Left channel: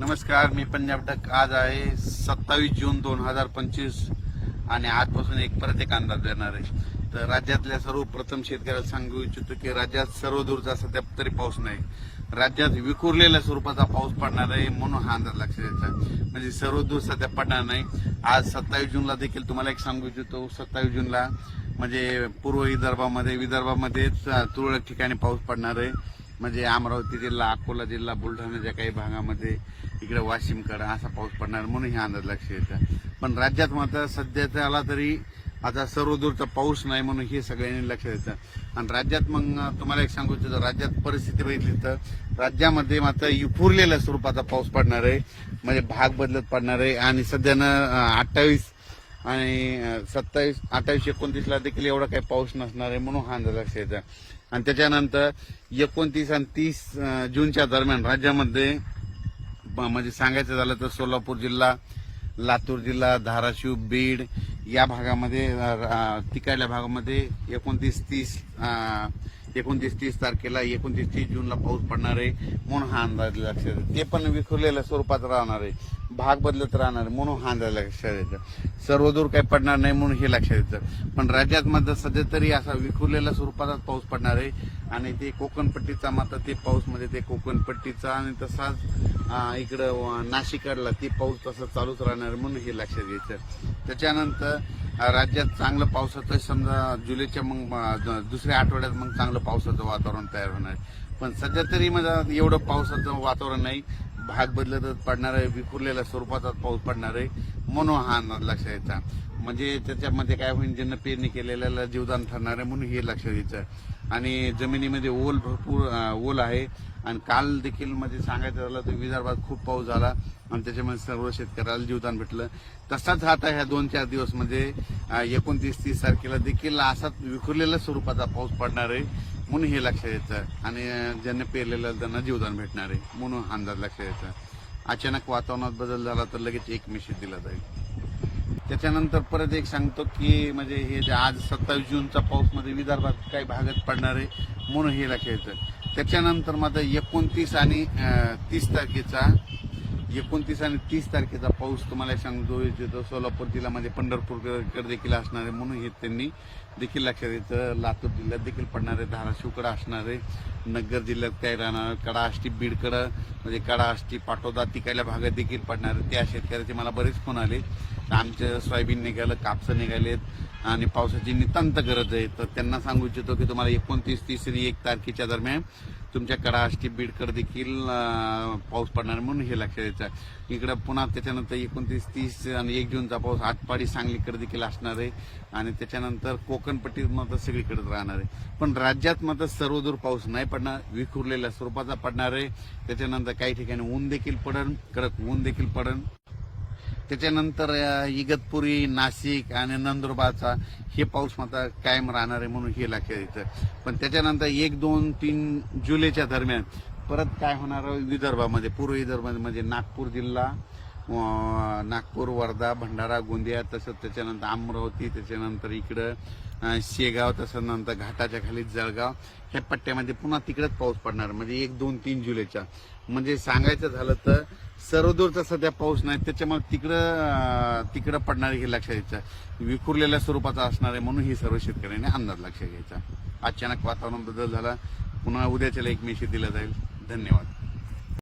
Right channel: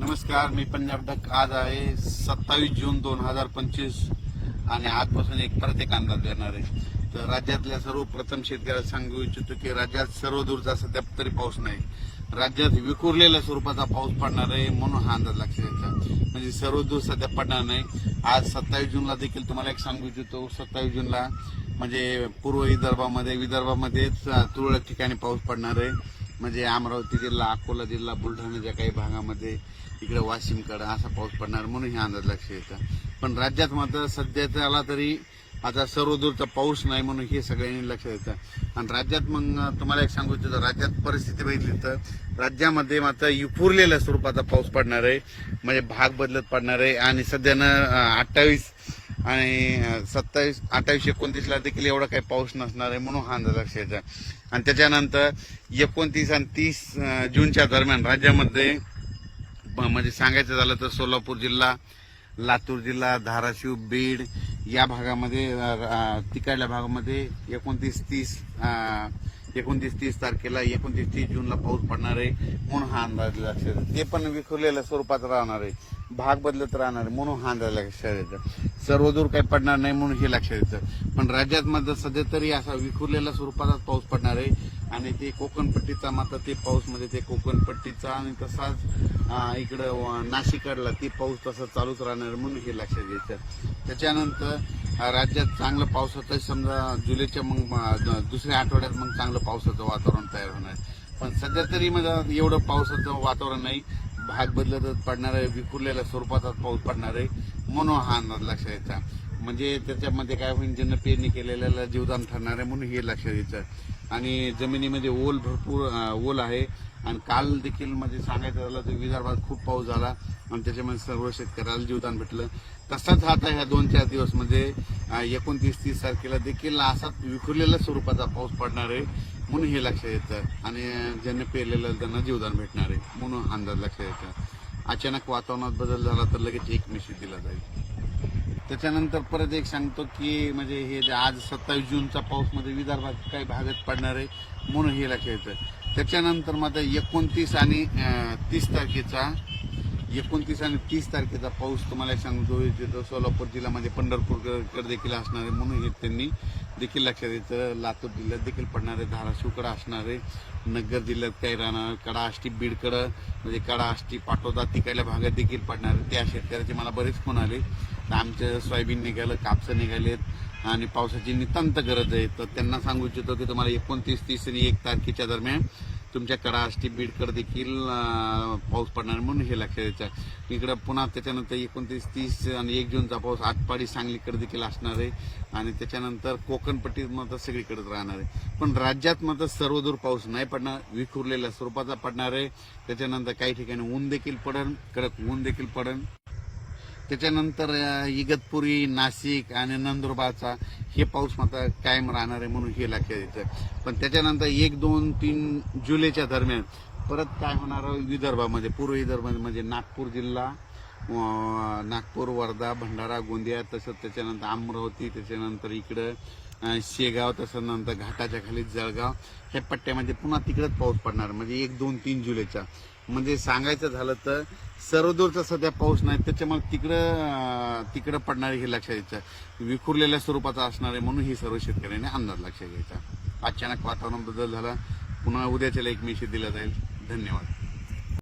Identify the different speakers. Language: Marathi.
Speaker 1: नमस्कार मी पंजाब डक आज आहे सत्तावीस जून दोन हजार पंचवीस आणि आजपासून एक परत एक अंदाज देणार आहे तर राज्यातल्या सर्वप्रथम शेतकऱ्याला सांगू इच्छितो की राज्यात सर्व दूरचा सध्या तरी पाऊस नाही राज्यात विखुरलेल्या स्वरूपाचा पाऊस पडणार आहे म्हणून हा अंदाज लक्ष द्यायचा म्हणजे सर्व दूर सध्या पडणार नाही आज सत्तावीस जूनला देखील तुम्हाला एक सांगू इच्छितो सत्तावीस जूनला म्हणजे पूर्व विदर्भामध्ये विदर्भामध्येच तुरळक ठिकाणी पाऊस पडणार आहे म्हणजे अमरावती जिल्हा अकोला जिल्हा बुलढाण्याच्या काही भागामध्ये इकडे वाशिमकडे असा पाऊस पडणार म्हणून हे अंदाज लक्ष येतं पण राज्यात मात्र सध्याचा आला तरी आता सर्वदूरचा पाऊस नाही म्हणून हे सगळ्यांनी लक्ष देतं आणि राज्यात मग तुम्हाला एक सांगू इच्छितो राज्यात परिस्थिती बघितली तर राज्यामध्ये मात्र युपुरलेल्या स्वरूपाचा पाऊस पडणार आहे म्हणजे भाग बदलत पडणार आहे आणि सध्यानं अठ्ठावीस आणि सत्तावीस अठ्ठावीस एकोणतीसला देखील एवढा काही पाऊस नसणार आहे म्हणून हा अंदाज असायचा आणि त्याच्यानंतर एकोणतीस आणि तीस जूनच्या दरम्यान राज्यामध्ये म्हणजे सांगायचं झालं तर सोलापूर जिल्हा लातूर जिल्हा धाराशिव बीड या भागामध्ये तिकडल्या भागामध्ये एकोणतीस तीस एकोणतीस तीस तारखेला एकोणतीस तीस जूनला पाऊस पडणार आहे म्हणून हा अंदाज लक्ष ते पण विखुरलेल्या स्वरूपात राहणार आहे भाग बदलत राहणार म्हणून हा लक्षात येतं सर्व दूर काही पडणार नाही म्हणून हे लक्षात द्यायचं पण राज्यात मात्र सध्या तरी असा विखुरलेल्या स्वरूपाचा पाऊस पडणार आहे आणि ते कोकणपट्टीचा मात्र ते पाऊस म्हणजे ते कोकणपट्टीचा आणि तसाच इकडं नाशिकडला ती पाऊस तसा चालूच राहणार म्हणून हे लक्षात द्यायचं त्याच्यानंतर राज्यात चांगलं पावसाचं समजा जुलैच्या मग दुसऱ्या आठवड्यात मग चांगलं पावसाचं वातावरण तयार होणार पण सध्या तरी माझा एवढं पावसाचं वातावरण नाही भाग बदलतच पडणार आहे विखुरलेल्या स्वरूपात पाऊस पडणार आहे म्हणून हा अंदाज लक्षात यायचा म्हणजे त्याच्यामध्ये काय होईल ज्यांना पेरणी केलेल्याला जीवदान ठरणार आहे म्हणून हे लक्षात यायचं आणि जमिनीमध्ये ओल भरपूर ओल आहे आणि काल देखील म्हणजे सांगायचं झालं तर विदर्भात खूप पाऊस झाला आणि त्याच्यामध्ये सर्व शेतकऱ्याला जीवदान भेटलं तसाच आता ह्या दोन चार दिवसमध्ये म्हणजे, एकोणतीस तीस तारखेला देखील असाच विखुरलेल्या स्वरूपाचा पाऊस पडणार आहे म्हणून हे लक्षात येतं आणि ज्यांना पेरलेलं त्यांना जीवदान भेटणार आहे म्हणून अंदाज लक्षात येतं अचानक वातावरणात बदल झाला तर लगेच एक मेसेज दिला जाईल त्याच्यानंतर परत एक सांगतो की म्हणजे हे आज सत्तावीस जूनचा पाऊस मध्ये विदर्भात काही भागात पडणार आहे म्हणून हे लक्षात येतं त्याच्यानंतर मात्र एकोणतीस आणि तीस तारखेचा एकोणतीस आणि तीस तारखेचा पाऊस तुम्हाला सांगतो येतो सोलापूर जिल्ह्यामध्ये पंढरपूरकडे देखील असणार आहे म्हणून हे त्यांनी देखील लक्षात येतं लातूर जिल्ह्यात देखील पडणार आहे धाराशिवकडं असणार आहे नगर जिल्ह्यात काही राहणार कडाष्टी बीडकडं म्हणजे कडा आष्टी पाटोदा तिकायला भागात देखील पडणार आहे त्या शेतकऱ्याचे मला बरेच फोन आले आमचं सोयाबीन निघालं कापसं निघालेत आणि पावसाची नितांत गरज आहे तर त्यांना सांगू इच्छितो की तुम्हाला एकोणतीस तीस आणि एक तारखेच्या दरम्यान तुमच्याकडे आष्टी बीडकर देखील पाऊस पडणार म्हणून हे लक्षात द्यायचं इकडं पुन्हा त्याच्यानंतर एकोणतीस तीस आणि एक जूनचा पाऊस आटपाडी सांगलीकडे देखील असणार आहे आणि त्याच्यानंतर कोकणपट्टीत मात्र सगळीकडे राहणार आहे पण राज्यात मात्र सर्वदूर पाऊस नाही पडणार विखुरलेल्या स्वरूपाचा पडणार आहे त्याच्यानंतर काही ठिकाणी ऊन देखील पडन कडक ऊन देखील पडन त्याच्यानंतर इगतपुरी नाशिक आणि नंदुरबारचा हे पाऊस मात्र कायम राहणार आहे म्हणून हे लक्षात येतं पण त्याच्यानंतर एक दोन तीन जुलैच्या दरम्यान परत काय होणार विदर्भामध्ये पूर्व विदर्भामध्ये म्हणजे नागपूर जिल्हा नागपूर वर्धा भंडारा गोंदिया तसंच त्याच्यानंतर अमरावती त्याच्यानंतर इकडं शेगाव तसं नंतर घाटाच्या खाली जळगाव ह्या पट्ट्यामध्ये पुन्हा तिकडंच पाऊस पडणार म्हणजे एक दोन तीन जुलैचा म्हणजे सांगायचं झालं तर सर्वदूरचा सध्या पाऊस नाही त्याच्यामुळे तिकडं तिकडं पडणारे हे लक्षात घ्यायचं विखुरलेल्या स्वरूपाचा असणार आहे म्हणून ही सर्व शेतकऱ्यांनी अंदाज लक्षात घ्यायचा अचानक वातावरण बदल झाला पुन्हा उद्याच्याला एक मेशी दिला जाईल धन्यवाद